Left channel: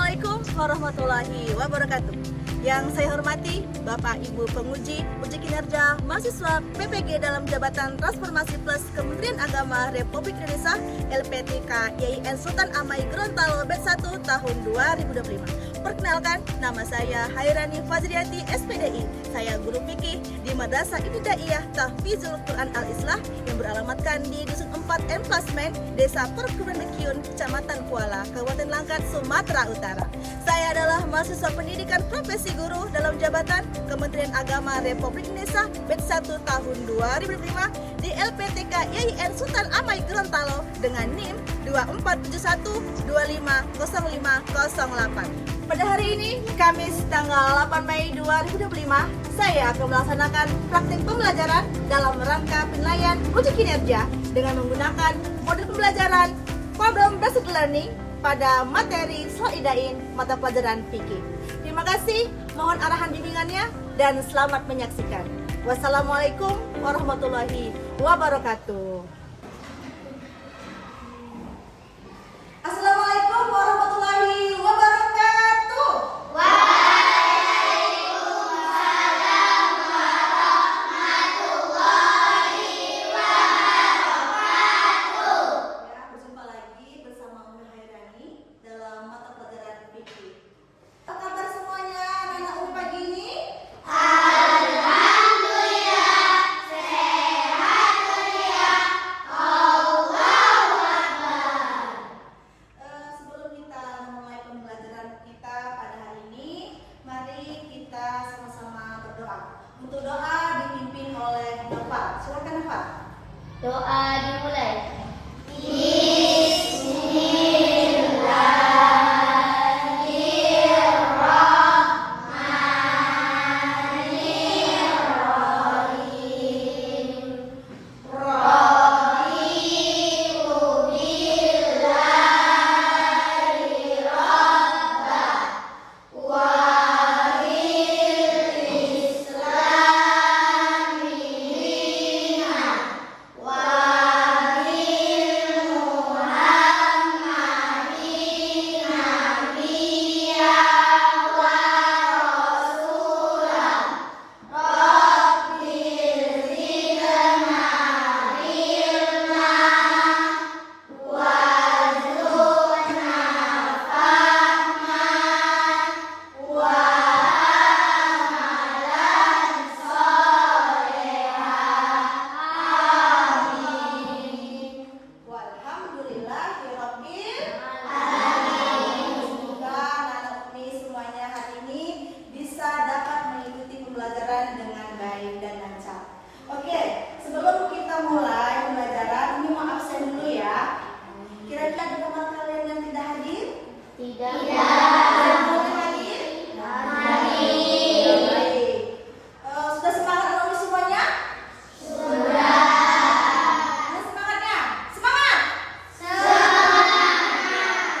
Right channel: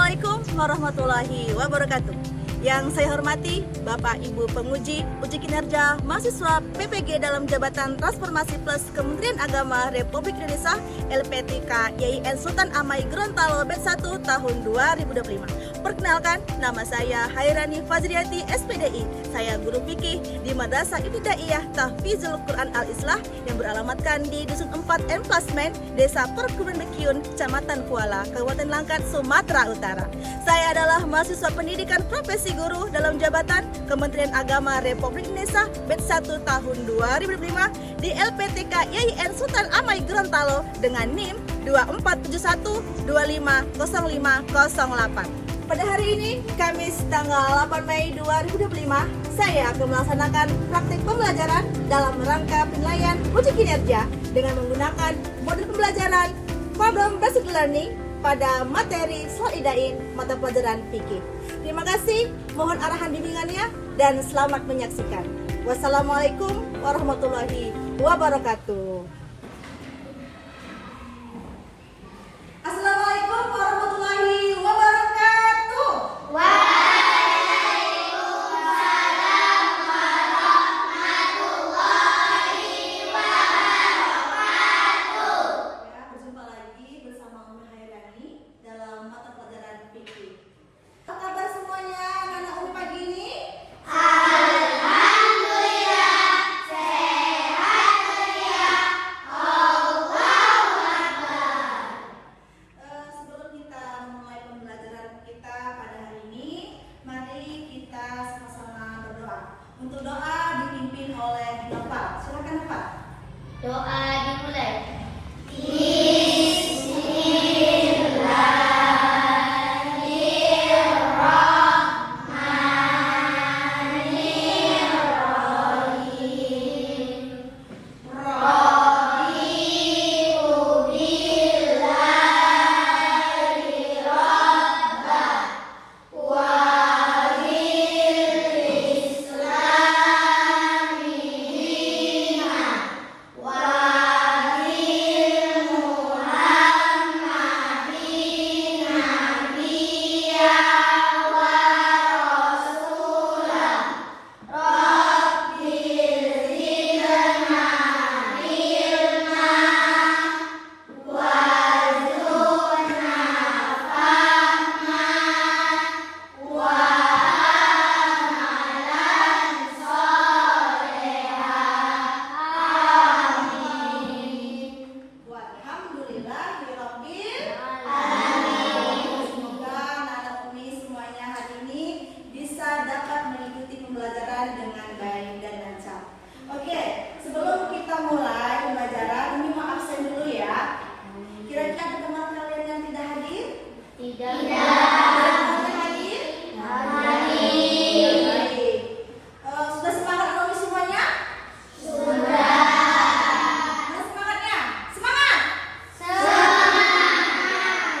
Assalamualaikum warahmatullahi wabarakatuh. Yang saya hormati Bapak Ibu Penguji Uji Kinerja Mahasiswa PPG dalam Jabatan Transformasi Plus Kementerian Agama Republik Indonesia LPTK YIN Sultan Amai Gorontalo Batch 1 tahun 2025. Perkenalkan, nama saya Hairani Fazriati SPDI. Saya guru fikih di Madrasah Ibtidaiyah Tahfizul Quran Al-Islah yang beralamatkan di Dusun 4 Emplasmen, Desa Perkebunan Bekyun, Kecamatan Kuala, Kabupaten Langkat, Sumatera Utara. Saya adalah mahasiswa pendidikan profesi guru dalam jabatan Kementerian Agama Republik Indonesia Batch 1 tahun 2005 di LPTK YIN Sultan Amai Gorontalo dengan NIM 2471250508. Pada hari ini, Kamis tanggal 8 Mei 2025, saya akan melaksanakan praktik pembelajaran dalam rangka penilaian uji kinerja dengan menggunakan modul pembelajaran Problem Based Learning pada materi Solidain mata pelajaran fikih. Terima kasih, mohon arahan bimbingannya dan selamat menyaksikan. Wassalamualaikum warahmatullahi wabarakatuh. Assalamualaikum warahmatullahi wabarakatuh. Berjumpa lagi bersama Umi Hairani dalam mata pelajaran fikih. Apa kabar semuanya anak Umi pagi ini? Sebelum kita memulai pembelajaran kita pada hari ini, mari kita sama-sama berdoa. Untuk doa dipimpin oleh Bapak. Silakan Bapak. Doa dimulai. Pembelajaran dengan baik dan lancar. Oke, sebelum kita mulai pembelajaran, ini mau absen dulu ya. Kira-kira ada teman kalian yang tidak hadir? Tidak. Ada yang hadir? Baik. Sudah semangat Romi semuanya? Sudah. Mana semangatnya? Semangat!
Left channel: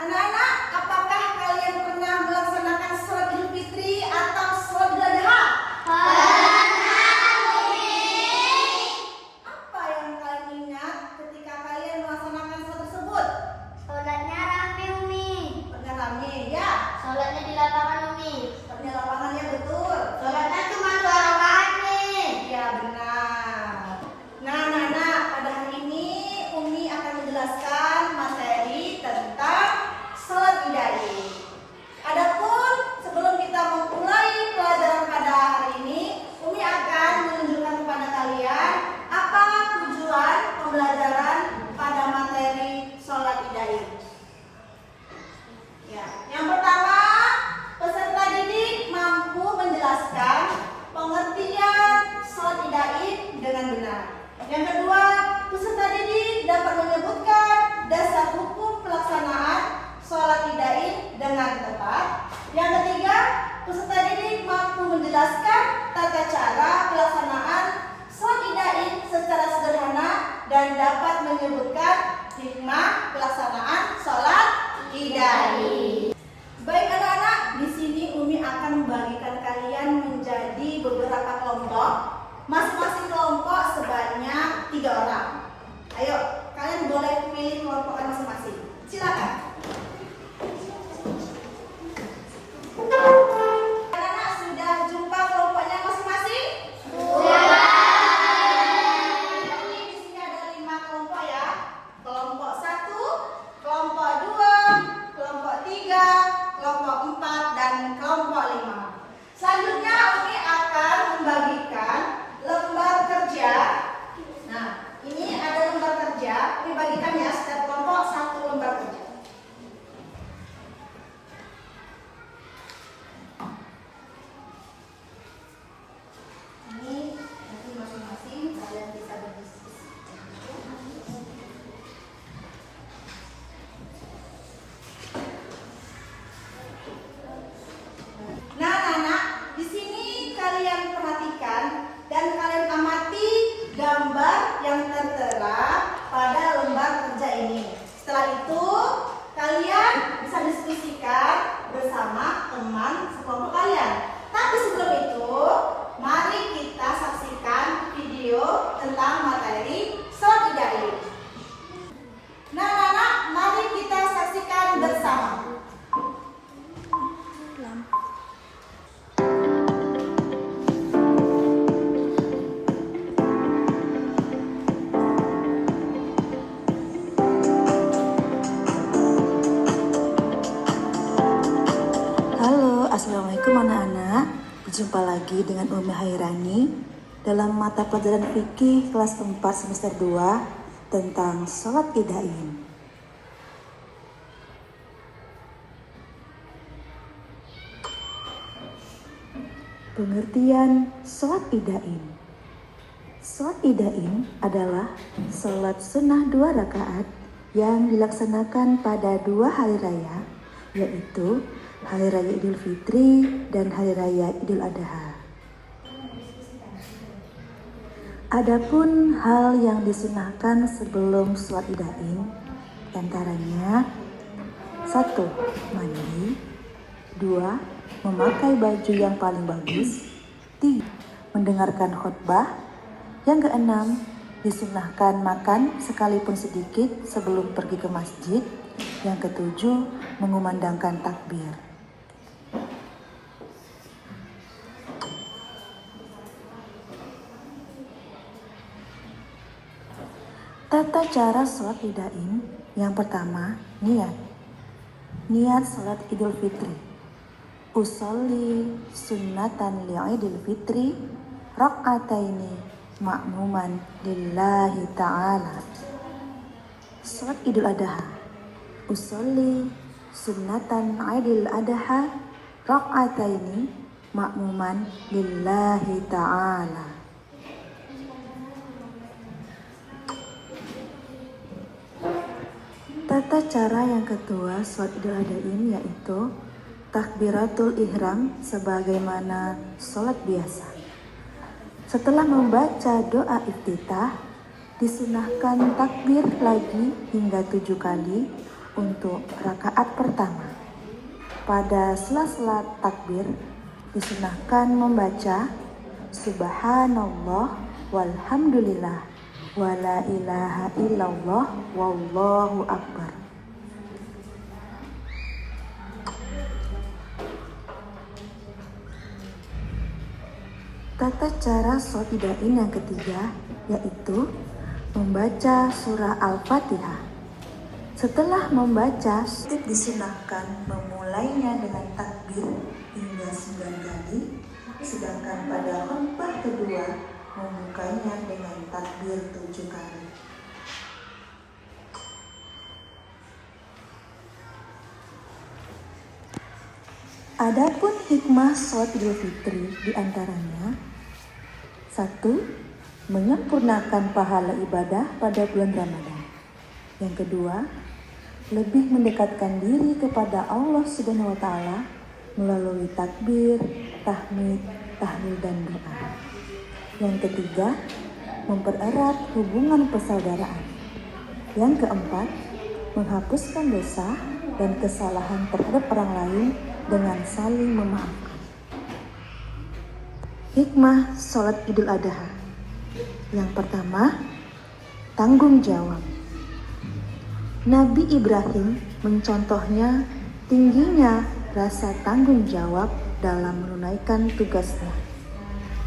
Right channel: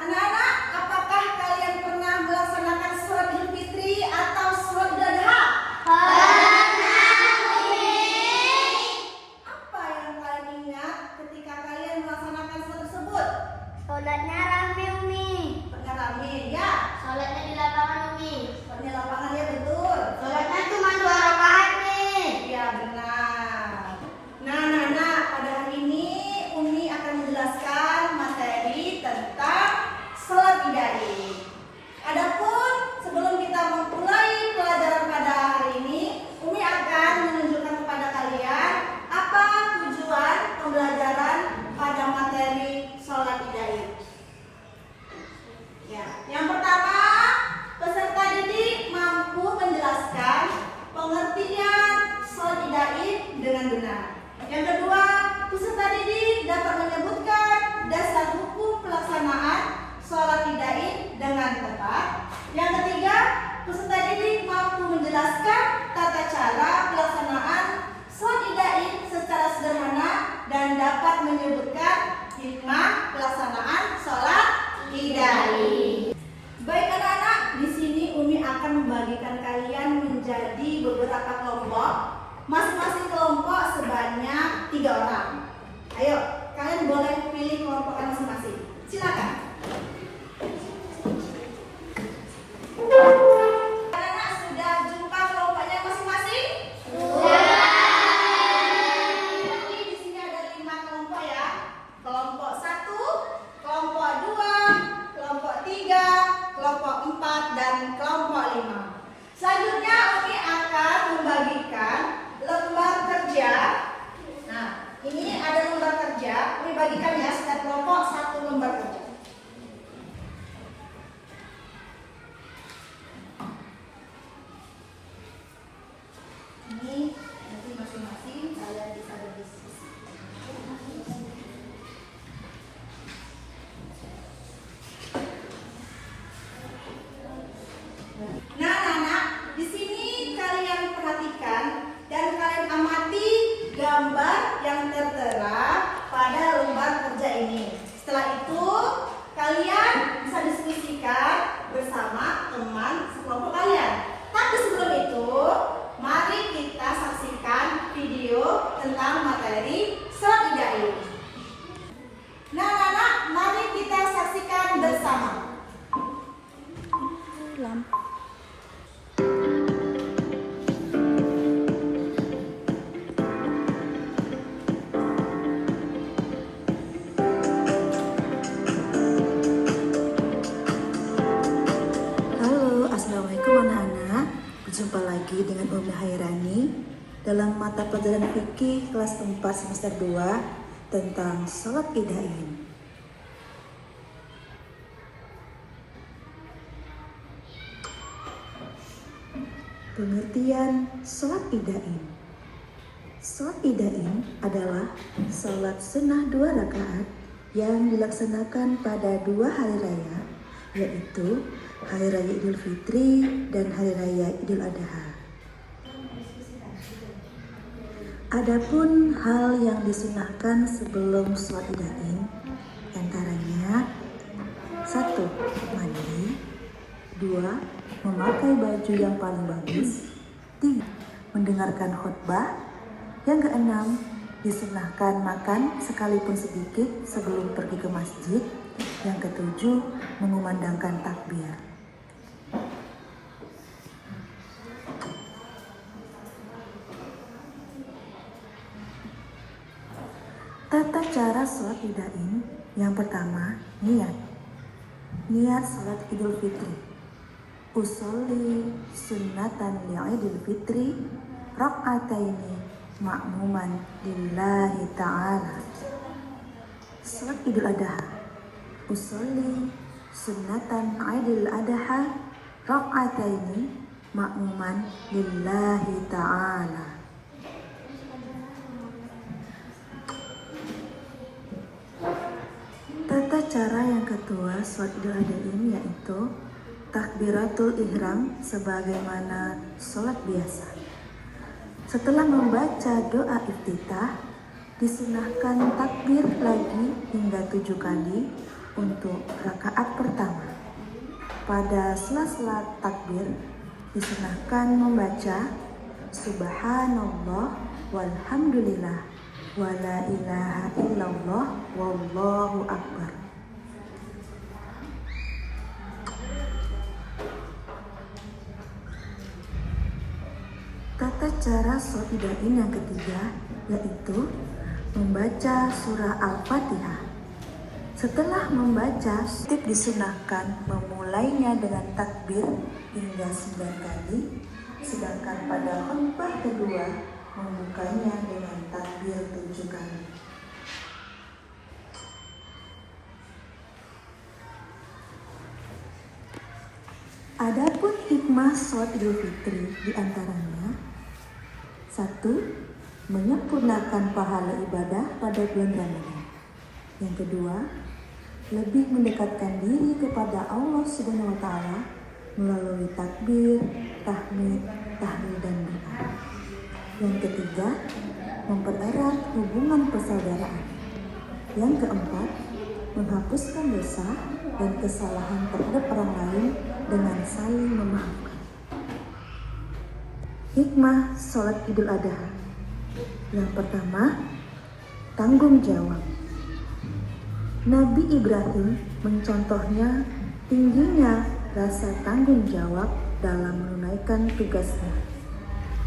Anak-anak, apakah kalian pernah melaksanakan sholat Idul Fitri atau sholat Idul Adha? Apa yang kalian ingat ketika kalian melaksanakan sholat tersebut? Sholatnya rame, Umi. Pernah rame ya? Sholatnya di lapangan, Umi. Sholatnya lapangan ya, betul. Sholatnya cuma 2 rakaat, Umi. Ya benar. Nah, pada hari ini Umi akan menjelaskan materi tentang sholat Idain. Adapun sebelum kita memulai pelajaran pada hari ini, Umi akan menunjukkan kepada kalian apa tujuan pembelajaran pada materi sholat Idain. Ya, yang pertama, peserta didik mampu menjelaskan pengertian sholat Idain dengan benar. Yang kedua, peserta didik dapat menyebutkan dasar hukum pelaksanaan sholat Idain dengan tepat. Yang ketiga, peserta didik mampu menjelaskan tata cara pelaksanaan sholat Idain secara sederhana dan dapat menyebutkan hikmah pelaksanaan sholat Idain. Baik anak-anak, di sini Umi akan membagikan kalian menjadi beberapa kelompok. Masing-masing kelompok sebanyak 3 orang. Ayo, kalian boleh pilih kelompok masing-masing. Silakan. kelompok 4, dan kelompok 5. Selanjutnya Umi akan membagikan lembar kerja. Nah, ini ada lembar kerja. Umi bagikan ya, setiap kelompok satu lembar kerja. Ini nanti masing-masing kalian bisa berdiskusi. Nah, anak-anak, di sini kalian perhatikan dan kalian amati gambar yang tertera pada lembar kerja ini. Setelah itu, kalian bisa diskusikan bersama teman sekelompok kalian. Tapi sebelum itu, mari kita saksikan video tentang materi sholat Idain. Nah, anak-anak, mari kita saksikan bersama. Halo, assalamualaikum anak-anak. Jumpa lagi dengan Umi Hairani dalam mata pelajaran fikih kelas 4 semester 2 tentang sholat Idain. Pengertian sholat Idain. Sholat Idain adalah sholat sunnah 2 rakaat yang dilaksanakan pada 2 hari raya, yaitu Hari Raya Idul Fitri dan Hari Raya Idul Adha. Adapun hal yang disunahkan sebelum sholat Idain antaranya 1. Mandi, 2. Memakai baju yang paling bagus, 3. Mendengarkan khutbah, yang keenam disunahkan makan sekalipun sedikit sebelum pergi ke masjid, yang ketujuh mengumandangkan takbir. Tata cara sholat Idain. Yang pertama, niat. Niat sholat Idul Fitri. Usolli sunnatan li'idul fitri rak'ataini ma'muman lillahi ta'ala. Sholat Idul Adha. Usolli sunnatan Idul Adha rak'ataini ma'muman lillahi ta'ala. Tata cara yang kedua sholat Idul Adha ini yaitu takbiratul ihram sebagaimana sholat biasa. Setelah membaca doa iftitah, disunahkan takbir lagi hingga 7 kali untuk rakaat pertama. Pada sela-sela takbir, disunahkan membaca Subhanallah walhamdulillah wala ilaha illallah wallahu akbar. Tata cara sholat Idain yang ketiga yaitu membaca surah Al-Fatihah. Setelah membaca, disunahkan memulainya dengan takbir hingga 9 kali, sedangkan pada khutbah kedua membukanya dengan takbir 7 kali. Adapun hikmah sholat Idul Fitri diantaranya 1. Menyempurnakan pahala ibadah pada bulan Ramadan. Yang kedua, lebih mendekatkan diri kepada Allah Subhanahu wa Ta'ala melalui takbir, tahmid, tahlil dan doa. Yang ketiga, mempererat hubungan persaudaraan. Yang keempat, menghapuskan dosa dan kesalahan terhadap orang lain dengan saling memaafkan. Hikmah sholat Idul Adha. Yang pertama, tanggung jawab. Nabi Ibrahim mencontohnya tingginya rasa tanggung jawab dalam menunaikan tugasnya.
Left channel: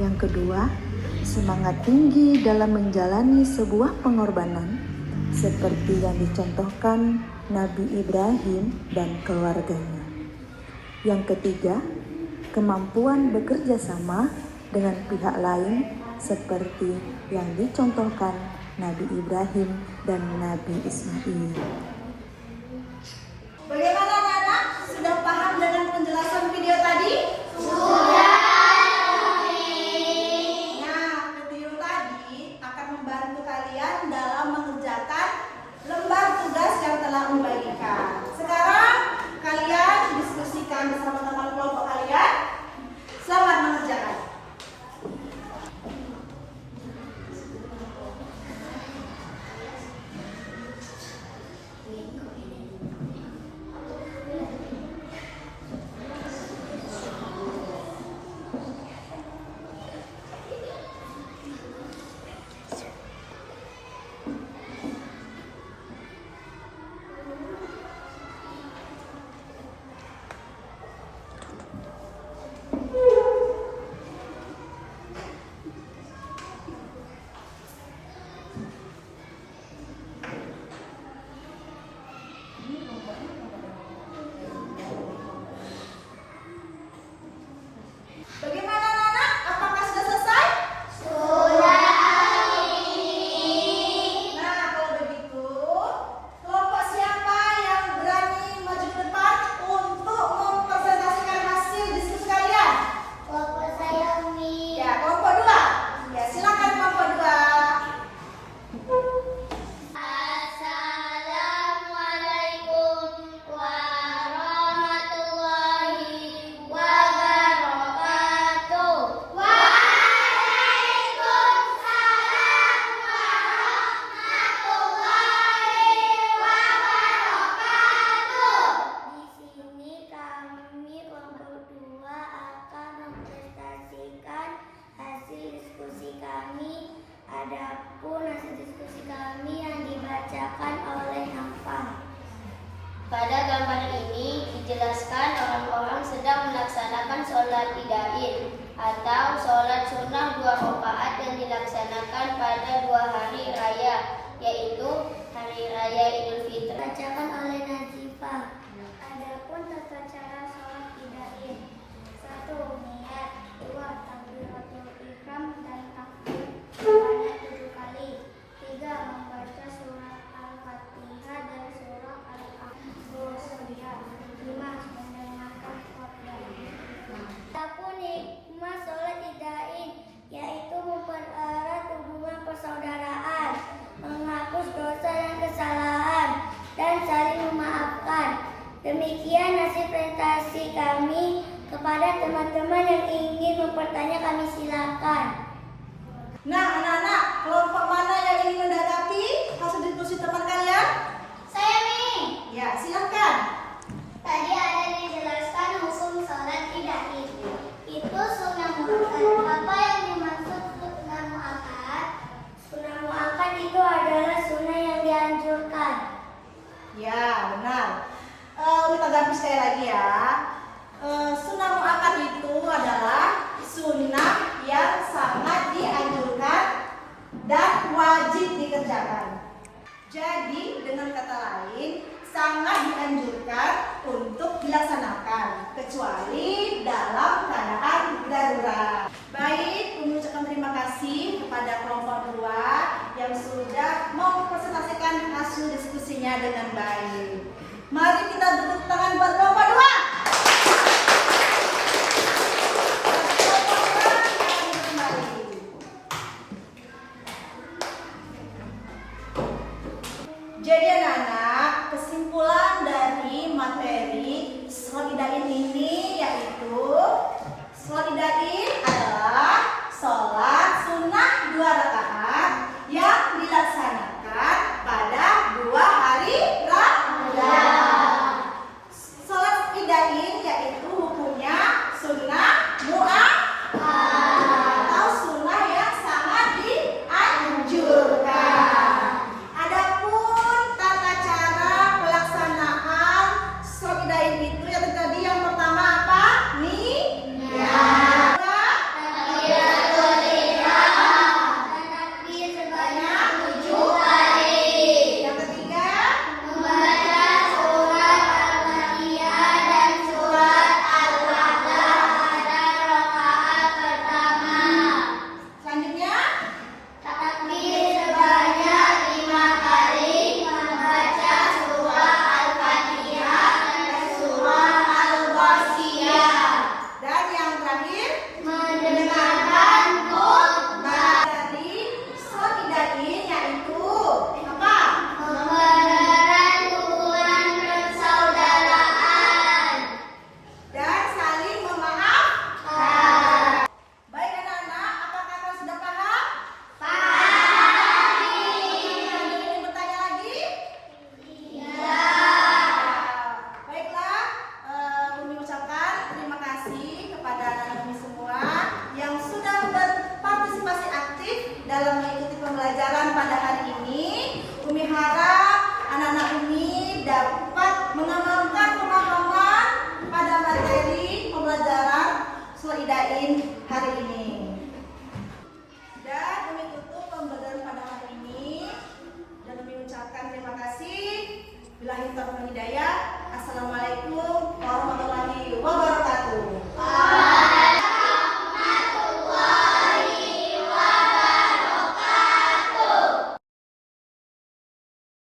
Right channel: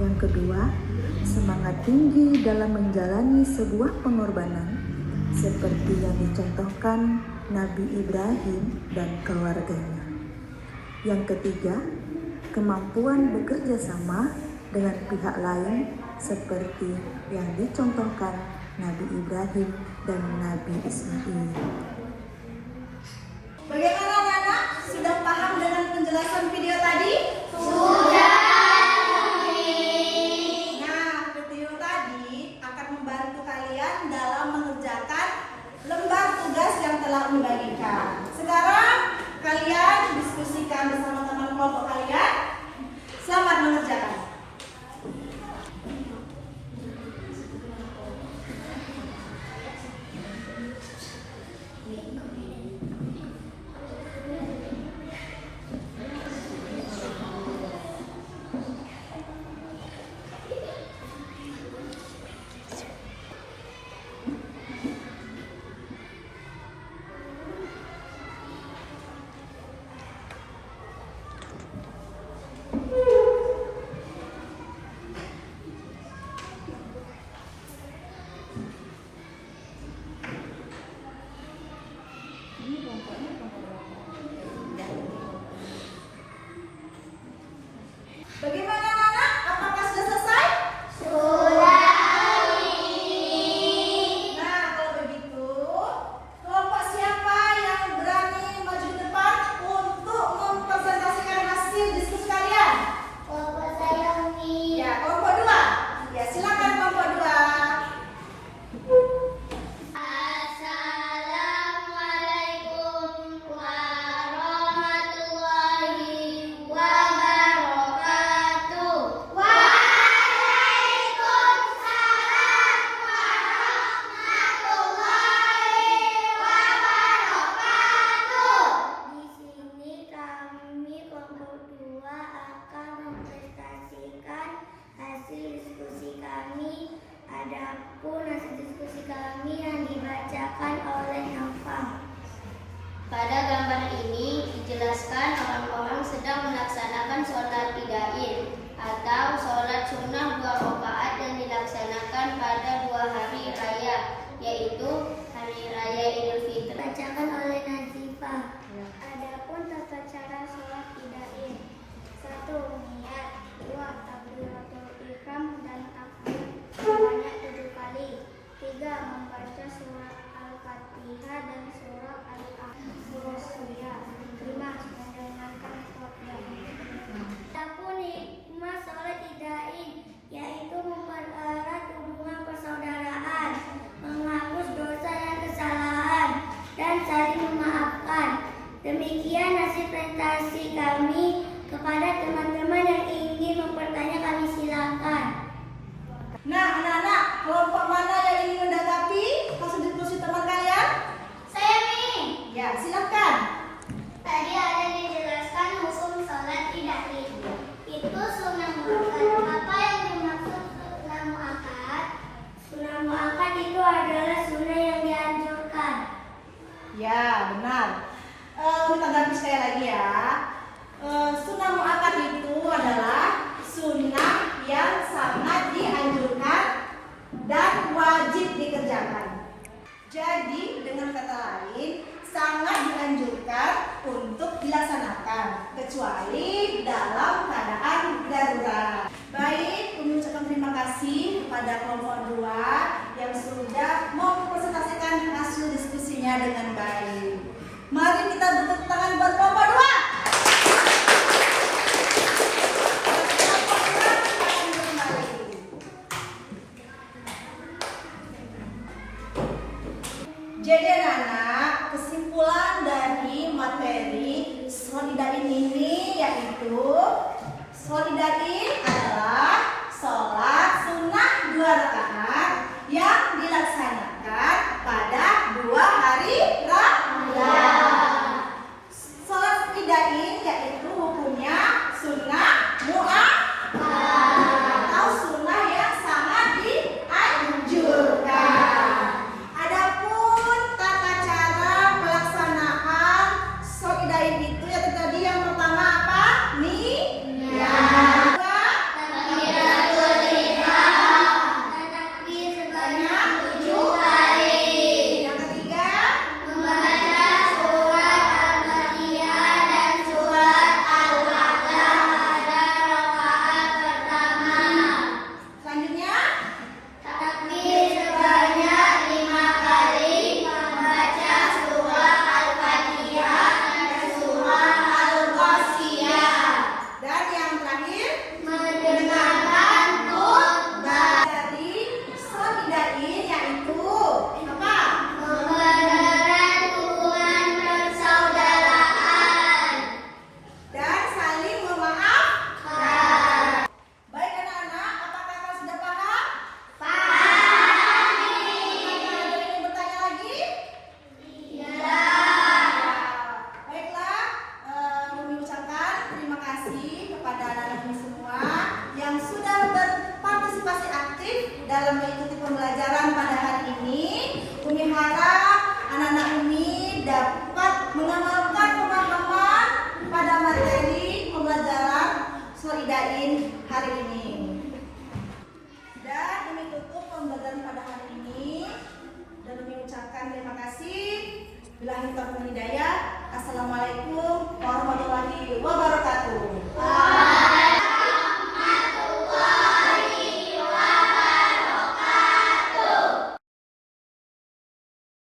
Yang kedua, semangat tinggi dalam menjalani sebuah pengorbanan seperti yang dicontohkan Nabi Ibrahim dan keluarganya. Yang ketiga, kemampuan bekerja sama dengan pihak lain seperti yang dicontohkan Nabi Ibrahim dan Nabi Ismail. Bagaimana anak-anak? Sudah paham dengan penjelasan video tadi? Nah, video tadi akan membantu kalian dalam mengerjakan lembar tugas yang telah membagikan. Sekarang kalian diskusikan bersama teman kelompok kalian. Selamat mengerjakan. Bagaimana anak-anak? Apakah sudah selesai? Nah, kalau begitu, kelompok siapa yang berani maju ke depan untuk mempresentasikan hasil diskusi kalian? Kelompok saya, Umi. Ya, kelompok 2. Ya, silakan kelompok 2. Assalamualaikum warahmatullahi wabarakatuh. Waalaikumsalam warahmatullahi wabarakatuh. Di sini kami kelompok 2 akan mempresentasikan hasil diskusi kami. Adapun hasil diskusi kami yang dibacakan oleh Nafa. Pada gambar ini dijelaskan orang-orang sedang melaksanakan sholat idain atau sholat sunnah 2 rakaat yang dilaksanakan pada 2 hari raya, yaitu hari raya Idul Fitri. Dibacakan oleh Nazifah. Adapun tata cara sholat idain: 1. Niat, 2. Takbiratul ihram dan takbir sebanyak 7 kali, 3. Membaca surat Al-Fatihah dan surat Al-A'la, 5. Mendengarkan khotbah. Adapun hikmah sholat idain yaitu mempererat hubungan persaudaraan, menghapus dosa dan kesalahan, dan saling memaafkan. Demikian hasil presentasi kami. Kepada teman-teman yang ingin bertanya, kami silakan. Nah, anak-anak, kelompok mana yang ingin mendapati hasil diskusi teman kalian? Saya Mi. Ya, silakan. Tadi ada yang dijelaskan hukum sholat idain. Itu sunnah muakkad. Apa yang dimaksud sunnah muakkad? Sunnah muakkad itu adalah sunnah yang dianjurkan. Ya, benar. Kita ganti sekali lagi ya. Sunnah muakkad itu adalah sunnah yang sangat dianjurkan dan wajib dikerjakan. Jadi dengan kata lain, sangat dianjurkan untuk dilaksanakan kecuali dalam keadaan darurat. Baik, mengucapkan terima kasih kepada kelompok 2 yang sudah mempresentasikan hasil diskusinya dengan baik. Mari kita tepuk tangan buat kelompok 2. Jadi anak-anak, kesimpulan dari materi sholat idain ini yaitu sholat idain adalah sholat sunnah 2 rakaat yang dilaksanakan pada 2 hari raya. Sholat idain yaitu hukumnya sunnah muakkad atau sunnah yang sangat dianjurkan. Itu yang tadi yang pertama apa? Niat. Takbiratul ihram. Takbir sebanyak 7 idain hari ini. Dan kami tutup pembelajaran pada hari ini dan kami ucapkan terima kasih. Billahi taufiq wal hidayah. Assalamualaikum warahmatullahi wabarakatuh.